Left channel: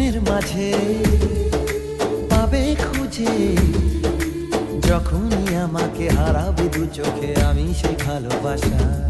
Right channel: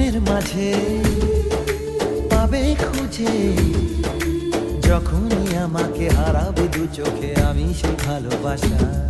মনের মাঝে পাবে খুঁজে, যখনই আমাকে হারাবে দু চোখে আমি সেই ভালোবাসা।